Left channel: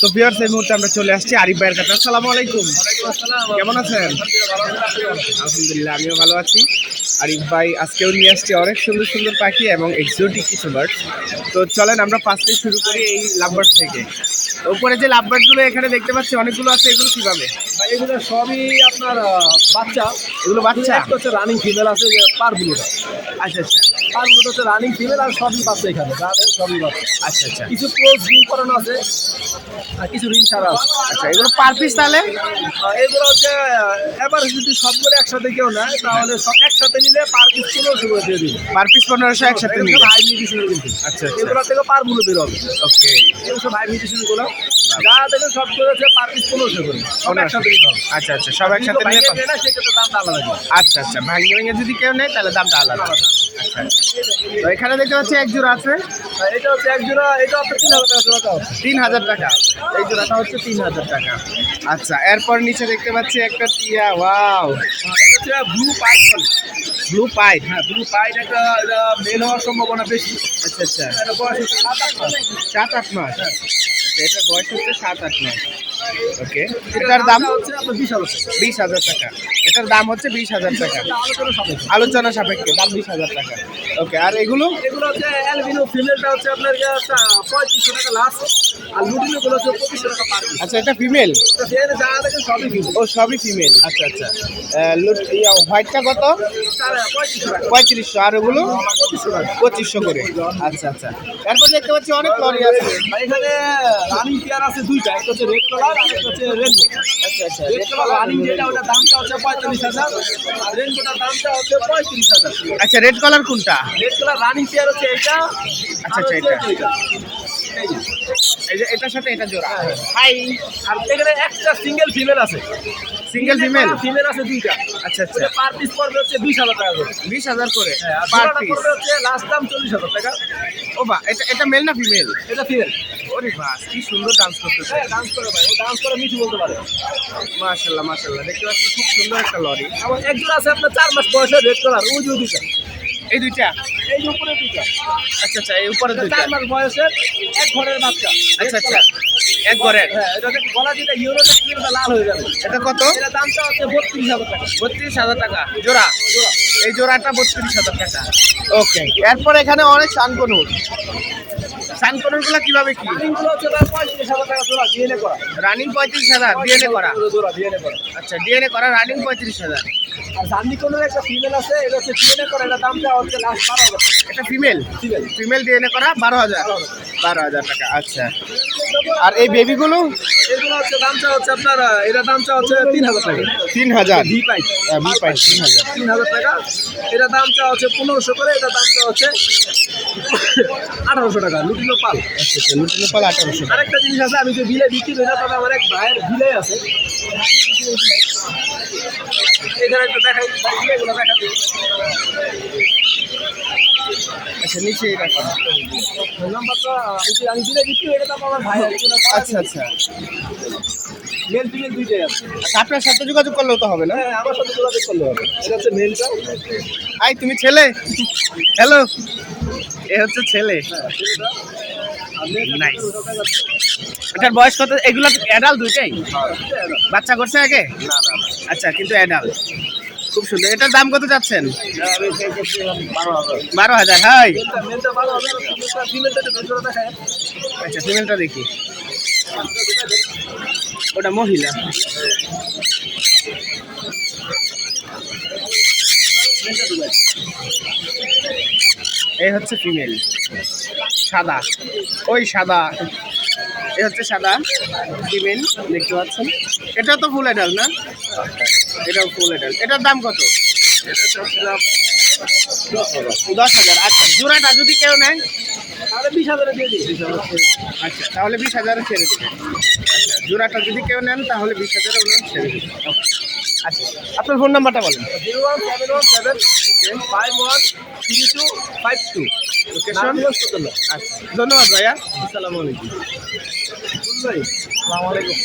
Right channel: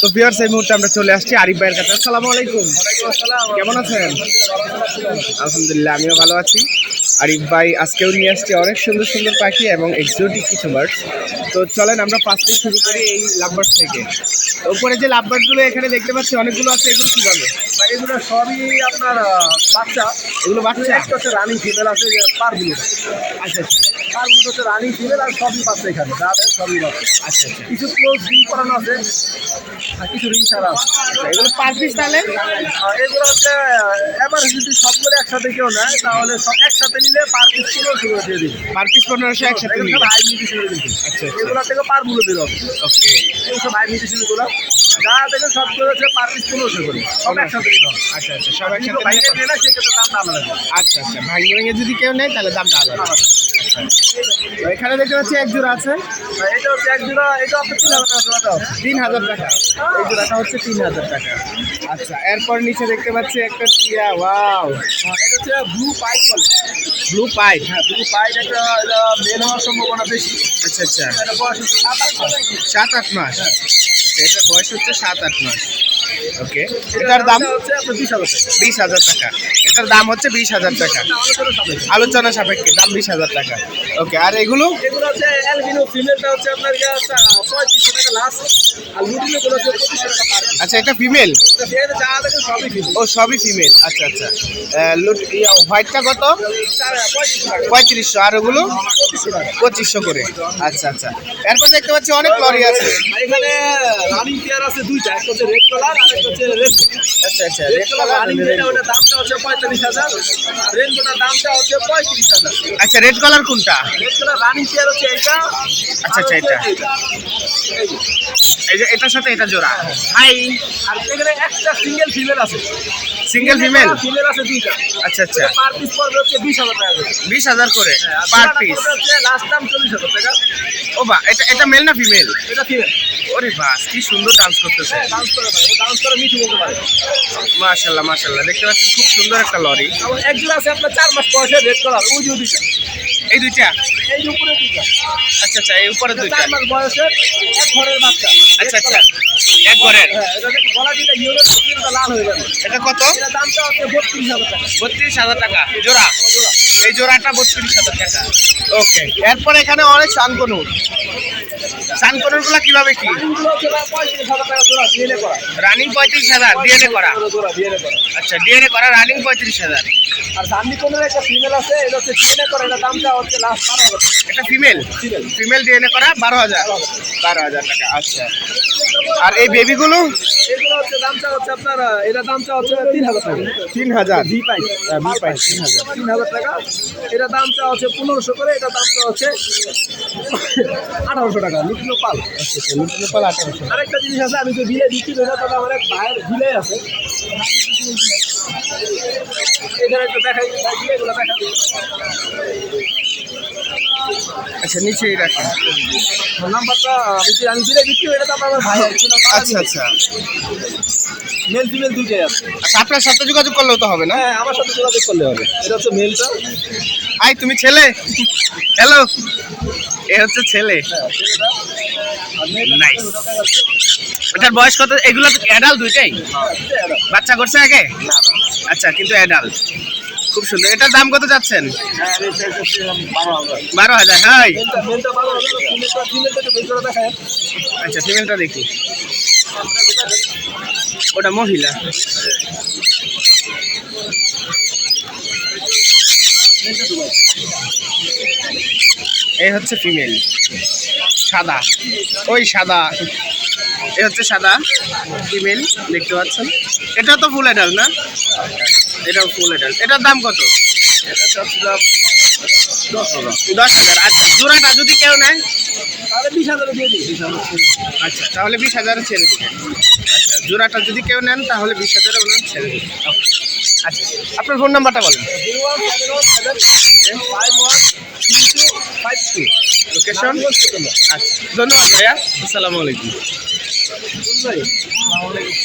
তো ভিউয়ার্স এই মুহূর্তে আমরা চলে আসছি আরিফ ভাইয়ের কাছে। আসসালামু আলাইকুম। কেমন আছেন? আলহামদুলিল্লাহ, আমিও ভালো আছি। আরিফ ভাই আজকেও নিয়ে আসছে অনেক সুন্দর সুন্দর পাখি এবং এক্সোটিক কিছু বার্ড। তো চলেন আমরা ফার্স্টে শুরু করি এই লাভবার্ড থেকে। তো উপরে যে লাভবার্ডগুলো এখানে দেখতে পাচ্ছি অনেকগুলো আছে, এগুলো কিভাবে? এগুলো সবই আপনার বাচ্চা। এগুলো বাচ্চা? একটা হচ্ছে রানিং ফিমেল আছে যে পারগুলো। আচ্ছা আচ্ছা পারগুলো হচ্ছে রানিং ফিমেল আর সবই বাচ্চা এখানে যাদের সবই বাচ্চা। আচ্ছা আচ্ছা কিছু ক্লোজ রিং করানো আছে আর কিছু রিং ছাড়া আছে। আচ্ছা, এগুলো পার পিস তাহলে? এগুলো হচ্ছে এবার যদি সবগুলো একসাথে কেউ নেয় তাহলে সব একসাথে নিলে পার পিস 1500 করে দিয়ে দিবে। পার পিস 1500 একসাথে নিলে? হাই মিউটিশনের কিন্তু। আচ্ছা আচ্ছা এগুলো থেকে পারগুলো বের হবে। ওকে। এগুলো সব হাই মিউটিশন গুলো যা থেকে সবগুলো হচ্ছে পার পিস 1500 করে সব একসাথে নিতে হবে। আচ্ছা আচ্ছা, সব একসাথে নিলে সেক্ষেত্রে দামটা আলাদা হবে। আচ্ছা আচ্ছা, ভাঙিয়ে ভেঙে যদি কেউ নেয় তাহলে দামটা আলাদা। আচ্ছা, তো এখানে দেখতে পাচ্ছি এক জোড়া আছে। এটা হচ্ছে এক জোড়া, এটা আপনার 3000 টাকা জোড়াটা হচ্ছে। 3000 টাকা এই জোড়াটা হচ্ছে 3000 টাকা। আচ্ছা, এরপর নিচে দেখতে পাচ্ছি একটা টিয়া। ওয়াও, এটা হচ্ছে ব্লু পাইপ বলে। Blue pipe? হ্যাঁ, ব্লু পাইপ এটা মেল হওয়ার সম্ভাবনা বেশি। আচ্ছা আচ্ছা, এটা বয়স হচ্ছে 7-8 মাস। 7-8 মাস। আচ্ছা, এটার বয়স হচ্ছে 7-8 মাস। ওকে, এটার দাম হচ্ছে আপনার 20,000 টাকা। 20,000 টাকা। এটার দাম হচ্ছে 20,000 টাকা। আলোচনা সাপেক্ষে। আলোচনা সাপেক্ষে দাম 20,000 টাকা। ওকে, আর এগুলো? এগুলো হচ্ছে অ্যালবিনো ফিমেলটা হচ্ছে আপনার 3500 টাকা লাস্ট, আর লুটিনোগুলো হচ্ছে 2500 টাকা পার পিস। আচ্ছা, এটা ফিমেল? তো সেখানে যা দেখেন সবই ফিমেল। ও, সবই ফিমেল। আচ্ছা আচ্ছা, হোয়াইটটা কত? 3500 টাকা। 3500। আর ওগুলো 2500 টাকা। 2500 করে। আচ্ছা আচ্ছা, এরপর দেখতে পাচ্ছি অনেক লরি আছে। আর এখানে রানিং পেয়ার আছে দুইটা, একটা হচ্ছে রেড কালার আর একটা হচ্ছে রেনবো। আচ্ছা আচ্ছা, রেড কালার রানিং যেটা ওটার দামটা হচ্ছে 45,000 আর রেনবোটার দামটা হচ্ছে 35,000। আচ্ছা, রেড কালার কোনটা? রেড কালার রানিং পেয়ার হচ্ছে এটা। আচ্ছা আচ্ছা, এটা এই যে এটার সাথে এটা জোড়া। হাই, আর এখানে একটা সিঙ্গেল ফিমেল আছে। Single female? ফিমেল আছে দুইটা। আচ্ছা আচ্ছা, পার পিস পড়বে হচ্ছে 20,000 টাকা করে। 20,000 করে আর পার জোড়াটা পিস? পড়বে হচ্ছে লাস্ট দাম 40,000 টাকা। ও বা, এটা এটা মেল না ফিমেল? এটা ফিমেল। ওরে বাস, কি সুন্দর ডান্স করতেছে। হ্যাঁ, ডান্স করে ভাই, ও ডান্স করে মিঠু বলতে পারে। মাশাআল্লাহ মাশাআল্লাহ, দেখতে পাচ্ছি খুব সুন্দর একটা লরি। আমার একজন আছে আপনার 4 মাস বয়সে রেড কালার, ওই যে দুইটা, এই দুইটা? এই যে উপরে দুইটা। আচ্ছা আচ্ছা, এই উপরে দুইটা? 4 মাস বয়সের এক ঘরের বাচ্চা। আচ্ছা আচ্ছা, এক ঘরের? হ্যাঁ, এটা গলা দিটা ইউরোটা স্ক্রিনটা লাল হয়ে যাবে। এটা কত? এটা দামটা হচ্ছে 32,000 টাকা। 32,000 টাকা জোড়া? জোড়া। এই জোড়াটা 32,000 টাকা। ওকে, এরপর এখানে অনেক সানকনুর। সানকনুর গুলা কিভাবে কি? রানিংগুলো হচ্ছে ভাই 35,000 টাকা জোড়া, ডিএনএ করা। রানিং 35,000 ডিএনএ করা? জোড়া ডিএনএ করা। আচ্ছা, ডিএনএ করা রানিং 35,000। আর জার্নি কোনের একটা ফিমেল আছে, এটা হচ্ছে ডিএনএ করা, এটা দামটা হচ্ছে লাস্ট 12,000 টাকা। এটা ফিমেল? ফিমেল। ফিমেল ডিএনএ করা 12,000? 12,000 টাকা। আচ্ছা, আর এই বেবিগুলো? এগুলো হচ্ছে দামটা হচ্ছে আপনার এটা দামটা হচ্ছে 3,000 টাকা। 3,000? ভি পাই। ভি পাই 3,000। 3,000 টাকা। এটা দামটা হচ্ছে 1500 করে, এটা দামটা হচ্ছে 1800 টাকা। লুটিনো পাল। আচ্ছা আচ্ছা, লুটিনো পাল 1800। আরেকটা জিনিস আছে, আমি তো বিলে বিক্রি করি না, তবে আমার এক ভাইয়ের বিলে আছে। এখানে একটা দেখাই, বিলেগুলো দেখা দিই। আচ্ছা, নিচেই রাখেন। নাম্বারটা আমি বিলে বিক্রি করি না, তবে আমার ভাই আচ্ছা আচ্ছা মেল ফিমেল দুইটাই আছে। আচ্ছা, আপনার সাথে যোগাযোগ করলেও তো হবে না? হ্যাঁ, আমার সাথে যোগাযোগ করলে হবে। এটা হচ্ছে মেলটা। আই, তুমি ছেলে? হ্যালো, এ হচ্ছে ছেলে। Nice. এটার বয়স কত? এগুলো অ্যাডাল্ট দুইটাই? বাচ্চা করছে আগে? না না, আচ্ছা, কিন্তু অ্যাডাল্ট। খুব সুন্দর। এটার দাম কত যাচ্ছেন? আমি সেই করছি 12,000। 12,000? হাই, মেলটা 12,000, ফিমেলটা একটু বের করে দেখায়। আচ্ছা, ফিমেলটা দেখি। ওটা মহিলা। এই হচ্ছে ফিমেল, সাদা। ওই সাদা, এই হচ্ছে সাদা ফিমেল, দেখতে পাচ্ছেন। এটা তো ফুল অ্যাডাল্ট না? এটাও ফুল অ্যাডাল্ট। এটার দাম কত? এটা চাচ্ছিলাম 10,000। 10,000। আচ্ছা, জোড়াটা যদি কেউ নেয়? তাহলে 20,000 দিয়ে দিই। আচ্ছা, তাহলে 20,000 ছেড়ে দেবেন। আচ্ছা, জোড়াটা যদি কেউ নেন তাহলে 20,000 ওনার ছেড়ে দেবেন। ওকে, আচ্ছা, আপনার ফোন নাম্বারটা বলেন। 01717513252। লোকেশন? আচ্ছা, ধন্যবাদ ভাইয়া। আসসালামু আলাইকুম। আসসালামু আলাইকুম।